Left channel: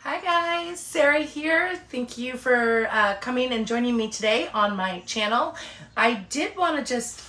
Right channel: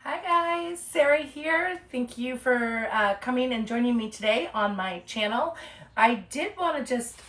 Hi guys, Sarah here. Thank you for coming and joining me today on my channel. I did want to just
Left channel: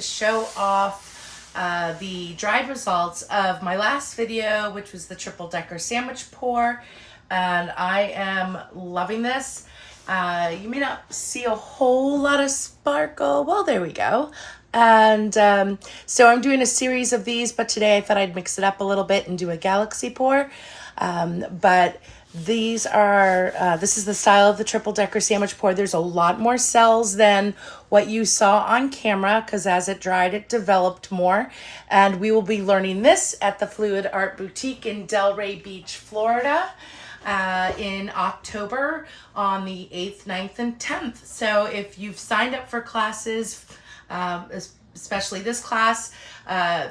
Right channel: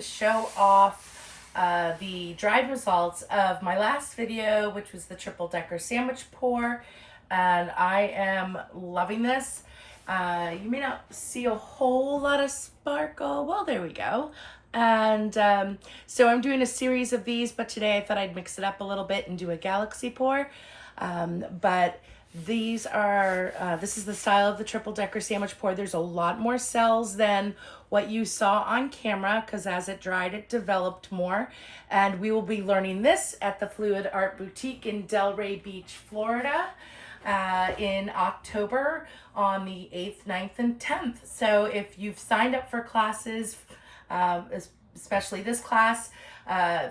show off the dried results of my last video, which was the triple decker sandwich pour, and I am loving this. You may not see a whole lot of sparkle. Well, there we go. And so I'm doing a series of these, but today I thought I'd mix it up a little bit and do a galaxy pour. But these are, this is the style of the triple decker sandwich pour. There's a lot more cells than what you saw on camera because as it dried, it developed more. And we will be learning this at the Fluid Art Boutique in Delray Beach, Florida in October on the 8th, 9th, and 10th. So if you've signed up for classes, especially this class,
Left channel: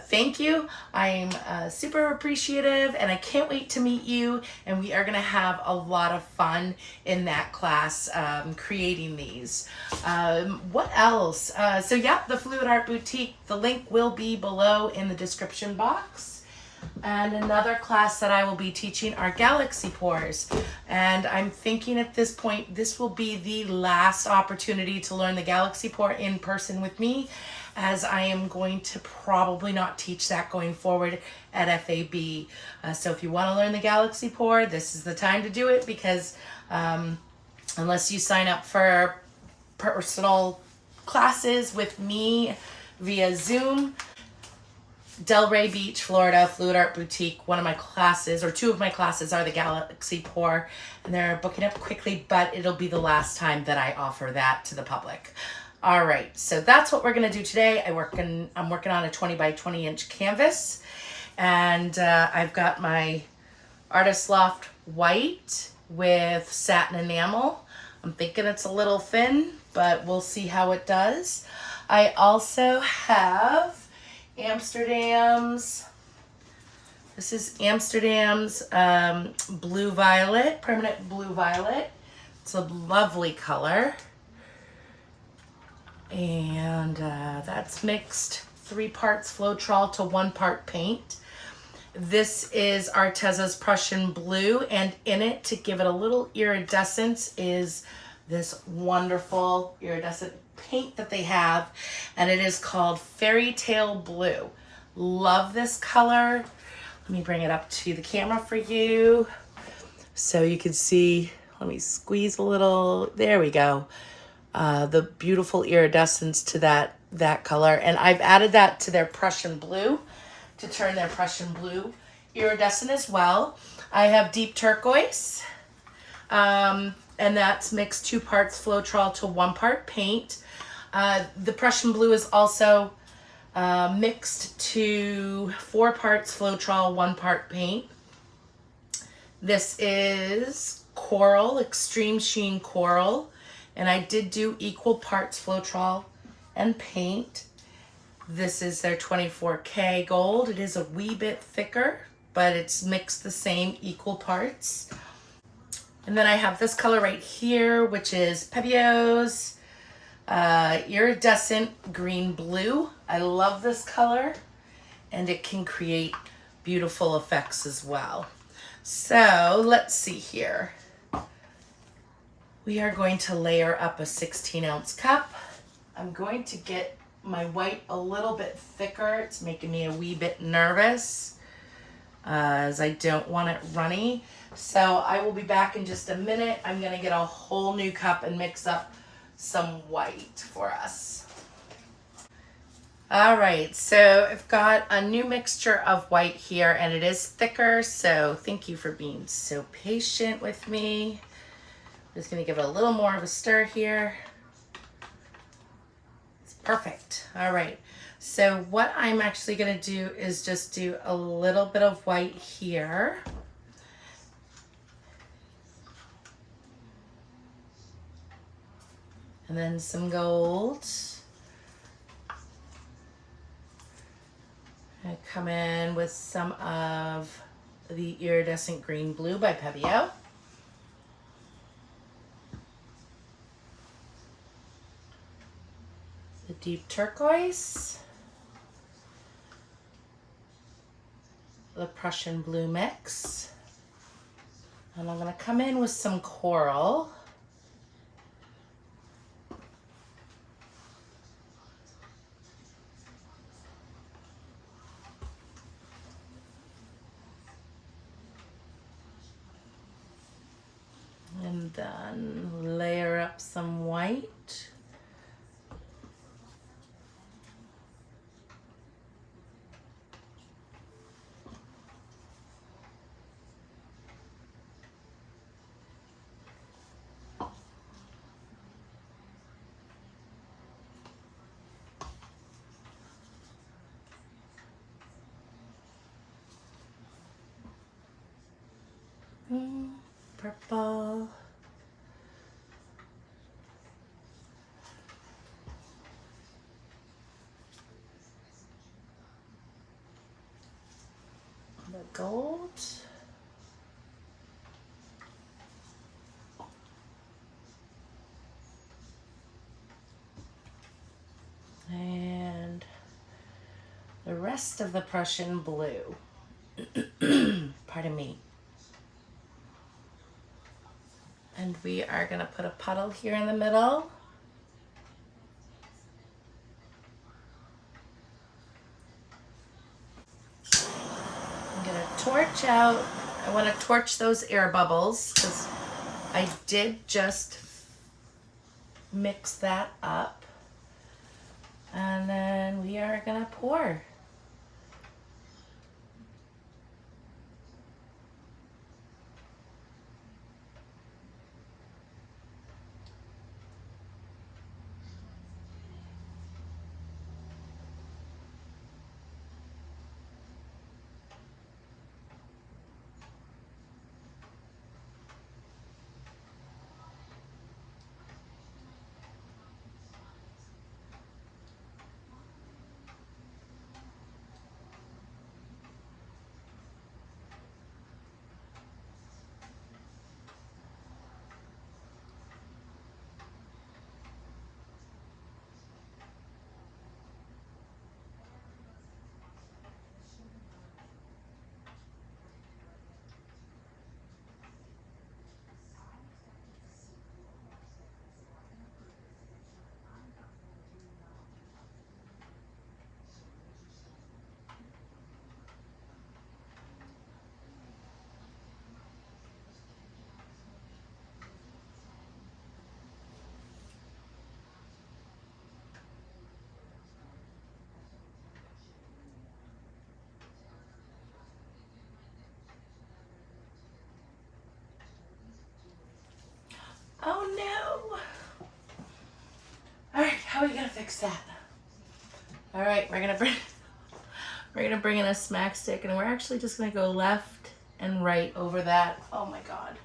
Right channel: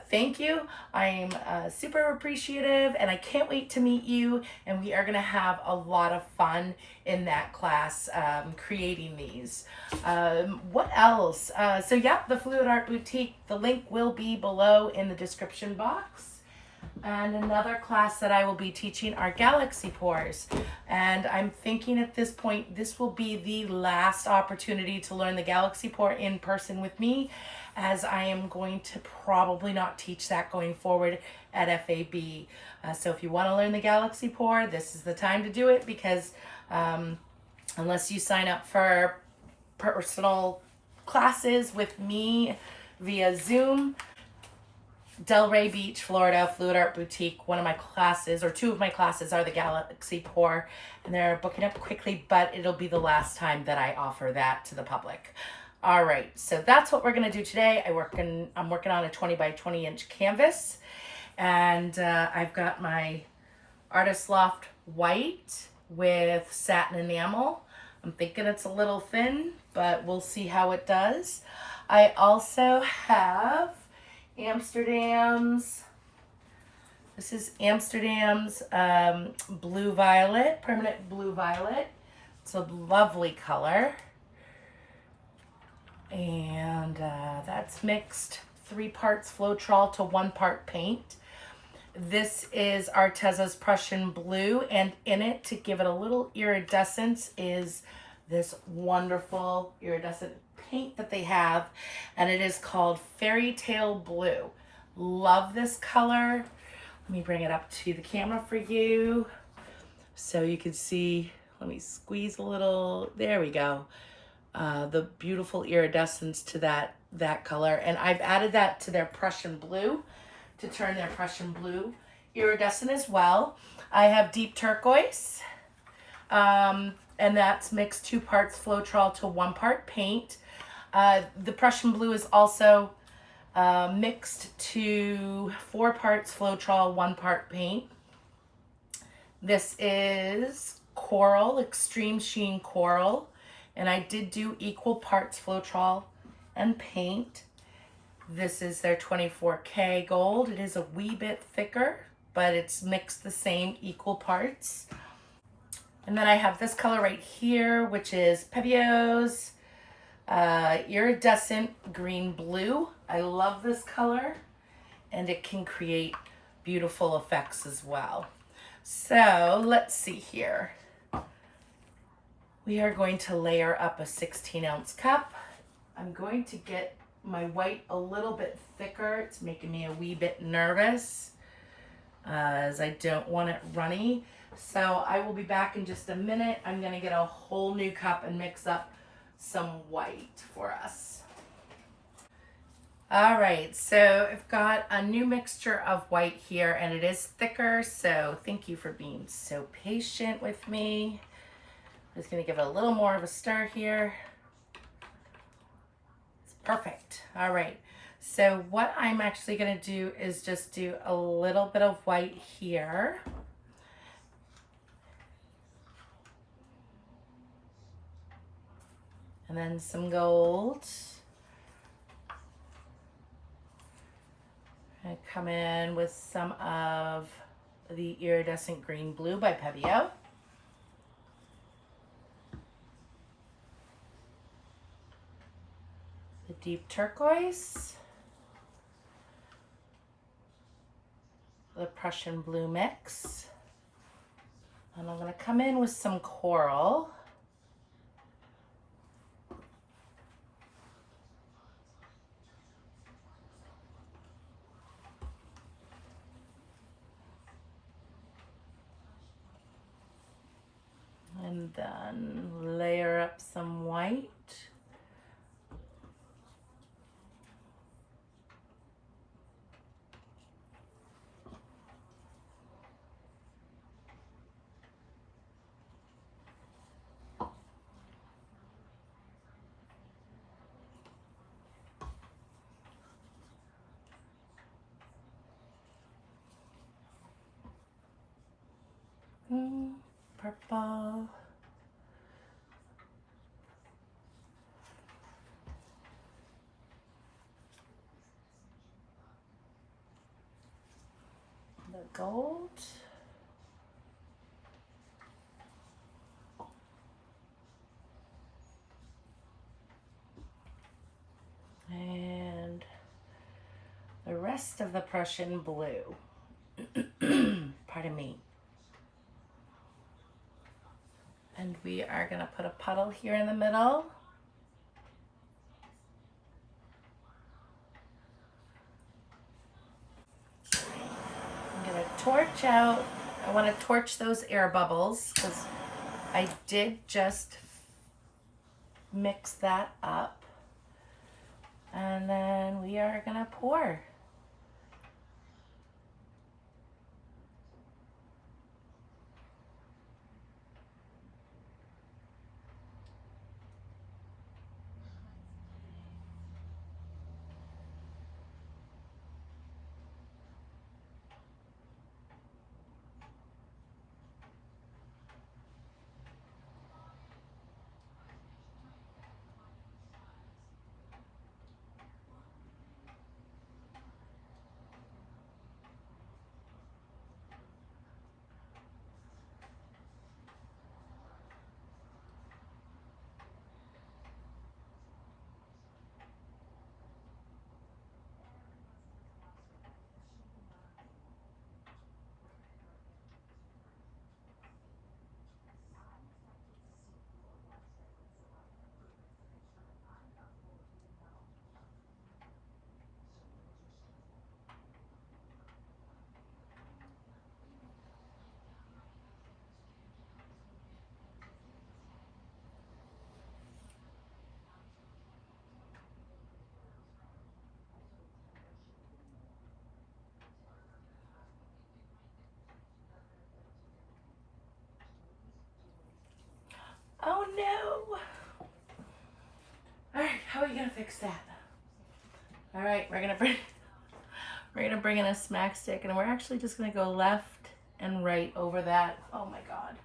thank you. I'm super appreciative and I can't wait to meet you, and we are going to have a lot of fun in that class creating these. What else? So yeah, the Fluid Art Boutique, the link will be below in the description box. And another class that I will be teaching are galaxy pours. And I'm thinking at this point, this will be the last opportunity to learn the galaxy pour in person with me, as I am going to probably not teach that going forward at FAB. So if you want to learn the galaxy pour, this is the time to do it, because unless you sign up for personal classes with me via Zoom, Delray Beach, Florida, Fluid Art Boutique, one of my classes, or two of my classes, are the Galaxy Pour, and they're booking up quickly, but it'll be the last time that I offer that to the public. All right, so that's what we're gonna do today. I'm working on a 20 by 20 inch canvas, and I've got my Artist Loft white with satin enamel. I'm thinking it's a little thin, but we'll see how it does. I also have Amsterdam's, this is Amsterdam's blue violet, permanent blue violet. It's a lovely color. And that's mixed 3 parts Floetrol to 1 part paint. This is Arteza's Prussian blue, and in it, to give it a little iridescence, is this wonderful iridescent paint that they have, and it is called Fairy Tale Blue. Love this color. Let me bring it up to the camera for you so you can see. Let me squeeze a little. There we go. The beautiful iridescence to that color, and I've added that to their Prussian blue to turn their Prussian blue iridescent as well. I have deep turquoise, and that's mixed 2 parts Floetrol to 1 part paint. The Prussian blue is also mixed to 4 parts Floetrol, 1 part paint. This is Coral, Extreme Sheen Coral, and I did do equal parts Floetrol and paint. This is their 24K gold. It is a wee bit thicker, but it's mixed the same equal parts. And then I have this color right here, which is Pebio's iridescent green blue. I love this color, and it can create beautiful effects as well. So let's see here. We are going to layer up a 16-ounce cup. I'm going to get my white a little bit thicker. It's making me a wee bit nervous as I don't want it runny. So I will be back in just a minute. I'm gonna get a whole new cup and mix up some white for us. All right, so I've got a new mixture of white here, and it is thicker, so thank you for being so patient with me. I'm just gonna give it a little more of a stir here. It's perfect. All right, so what I'm actually gonna do is just do a little bit of white here. And then some gold. I come in with some of the iridescent green blue by Pebio. The deep turquoise. The Prussian blue mix. And I'm gonna come in with some coral. And then layer up some white. Purple. The gold. And the rest of the Prussian blue. Pardon me. And we are gonna put a puddle here in the middle. I'm gonna torch out. I wanna torch those air bubbles because I did just mix that up. And then we are gonna pour. Oh no! All right, how are we gonna fix that? All right, we're gonna bring in a smack stick, and we're actually just gonna go left and right over that. Oh my God.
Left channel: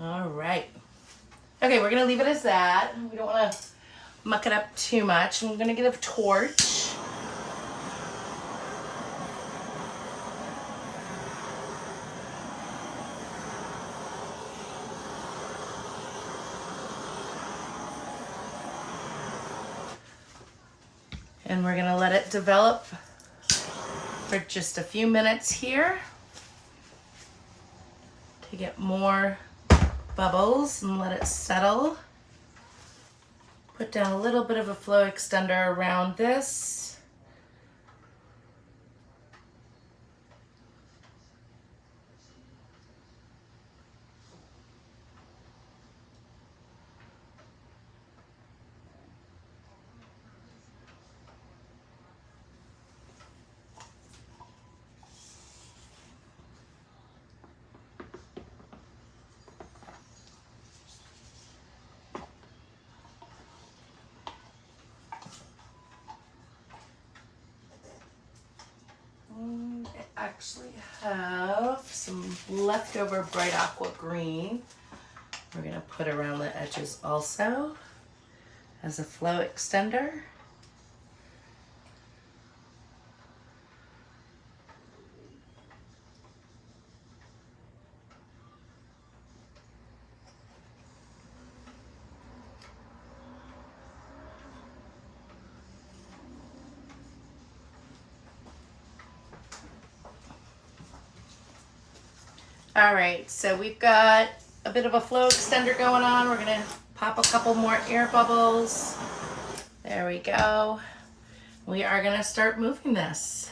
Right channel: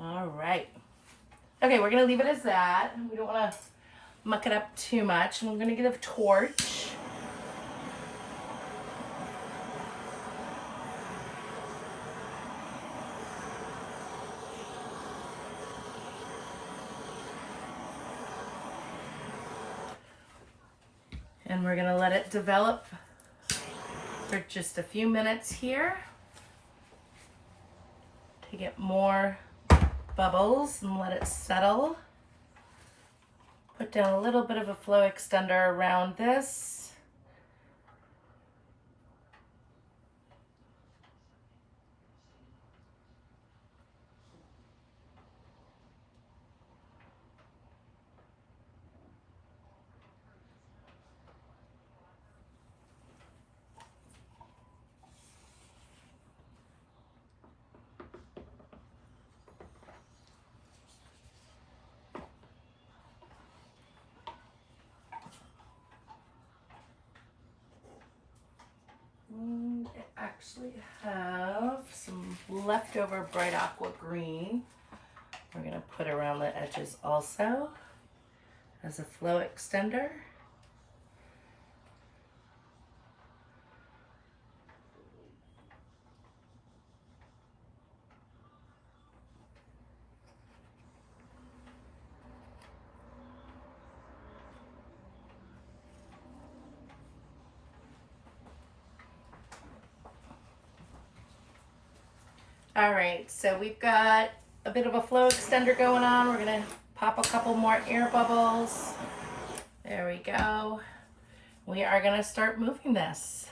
All right. Okay, we're gonna leave it as that. We don't wanna muck it up too much. I'm gonna get a torch. And we're gonna let it develop for just a few minutes here to get more bubbles and let it settle. Put down a little bit of a flow extender around this. I actually have some leftover bright aqua green. We're gonna put around the edges also as a flow extender. All right, so we've got a bit of a flow extender going on. We're gonna pop a couple more air bubbles. There we go. We are gonna start moving this.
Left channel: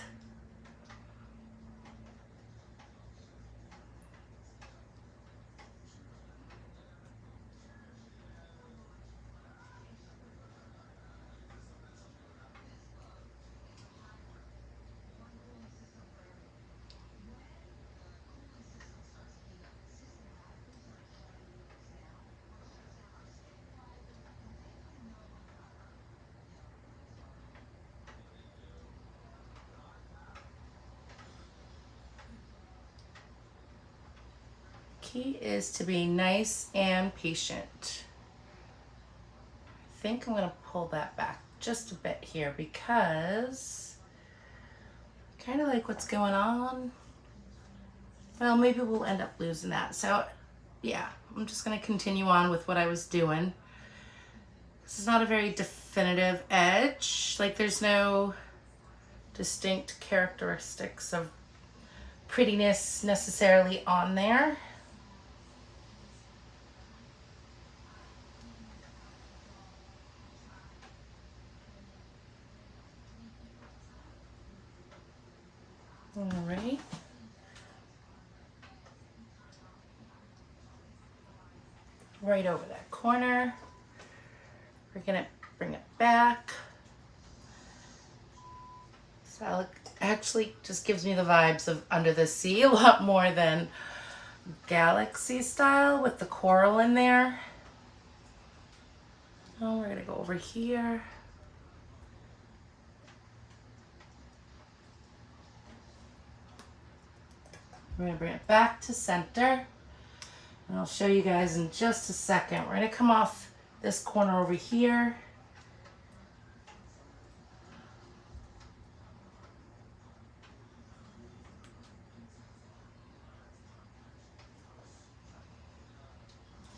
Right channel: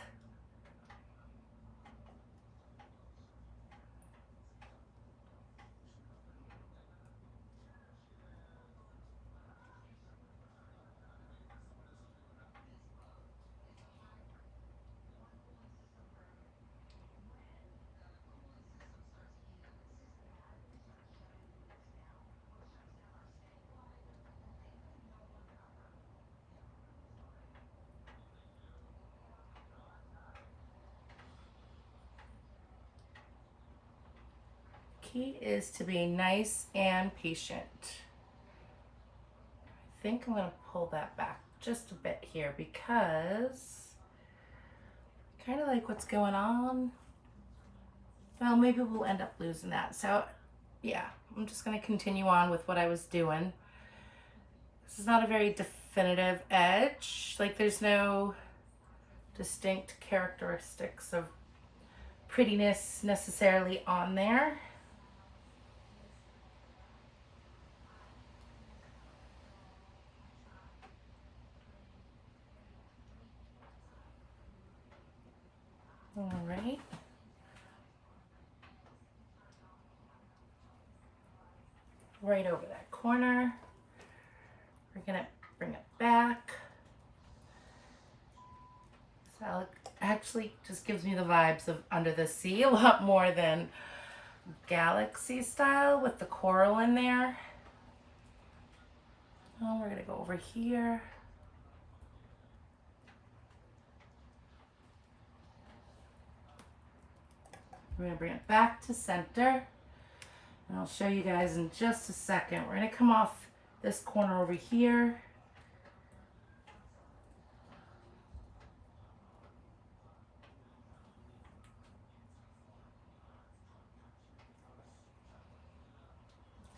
Key is to be nice and patient. I think I'm gonna pull that back just a bit here because I kind of like what's going on. Well, maybe we'll end up losing that. So yeah, I'm just gonna continue on with what I was doing. This is not a very definitive edge. Like there's no distinct characteristics of prettiness necessarily on there. All right. Right over that corner. We're gonna bring it back. So it actually just gives me the vibes of Under the Sea a lot more than Galaxy style with the coral in there. Oh, we're gonna go over here. We're gonna bring it back to center. And I'll show you guys in just a second. We're gonna come off this corner over here.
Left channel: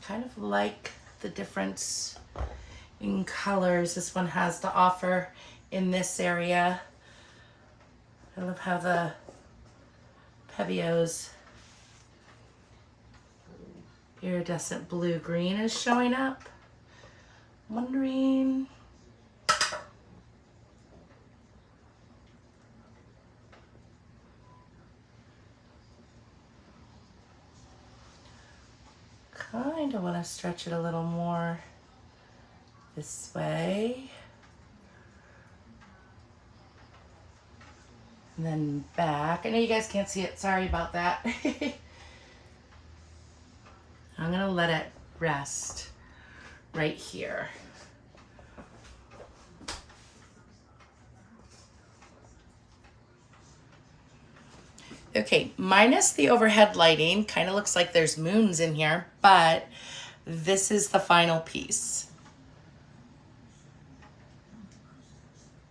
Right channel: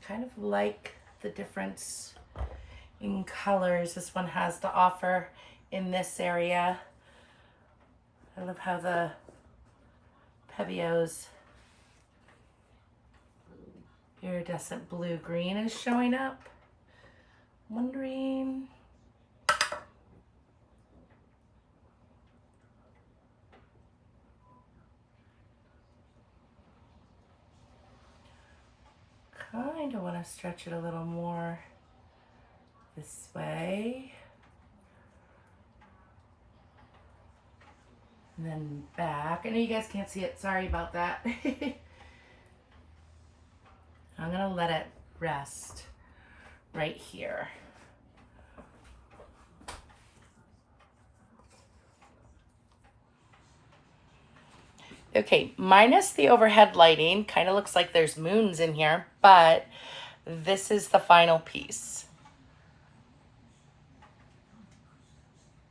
Kind of like the difference in colors this one has to offer in this area. I love how the Pebio's iridescent blue-green is showing up. I'm wondering, kind of want to stretch it a little more this way. And then back. I know you guys can't see it. Sorry about that. I'm going to let it rest right here. Okay, minus the overhead lighting, kind of looks like there's moons in here, but this is the final piece.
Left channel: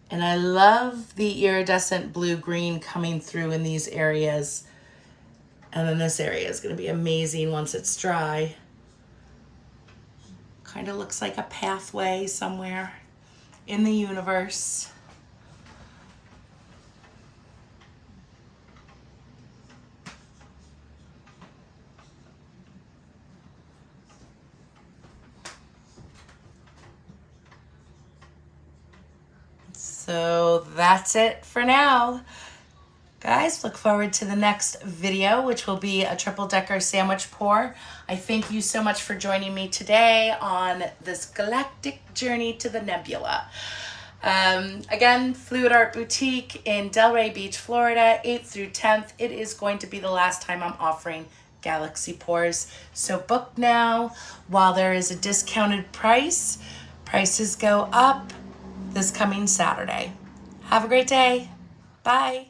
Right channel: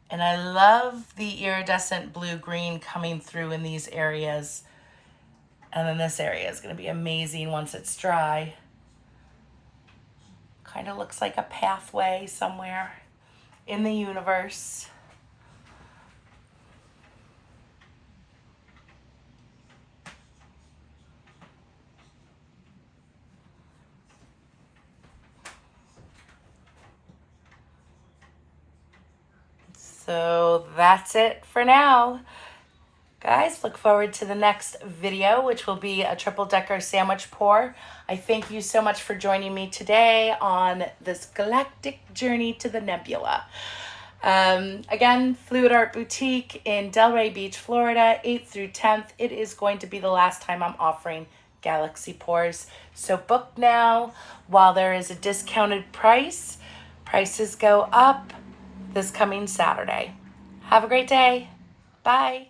And I love the iridescent blue-green coming through in these areas. And then this area is going to be amazing once it's dry. Kind of looks like a pathway somewhere in the universe. So that's it for now. Guys, look forward to the next video, which will be a triple decker sandwich pour. I thank you so much for joining me today on this galactic journey to the Nebula. Again, Fluid Art Boutique in Delray Beach, Florida, 8th through 10th. It is going to be the last time I'm offering galaxy pours. So book now while there is a discounted price. Prices go up this coming Saturday. Have a great day. Bye.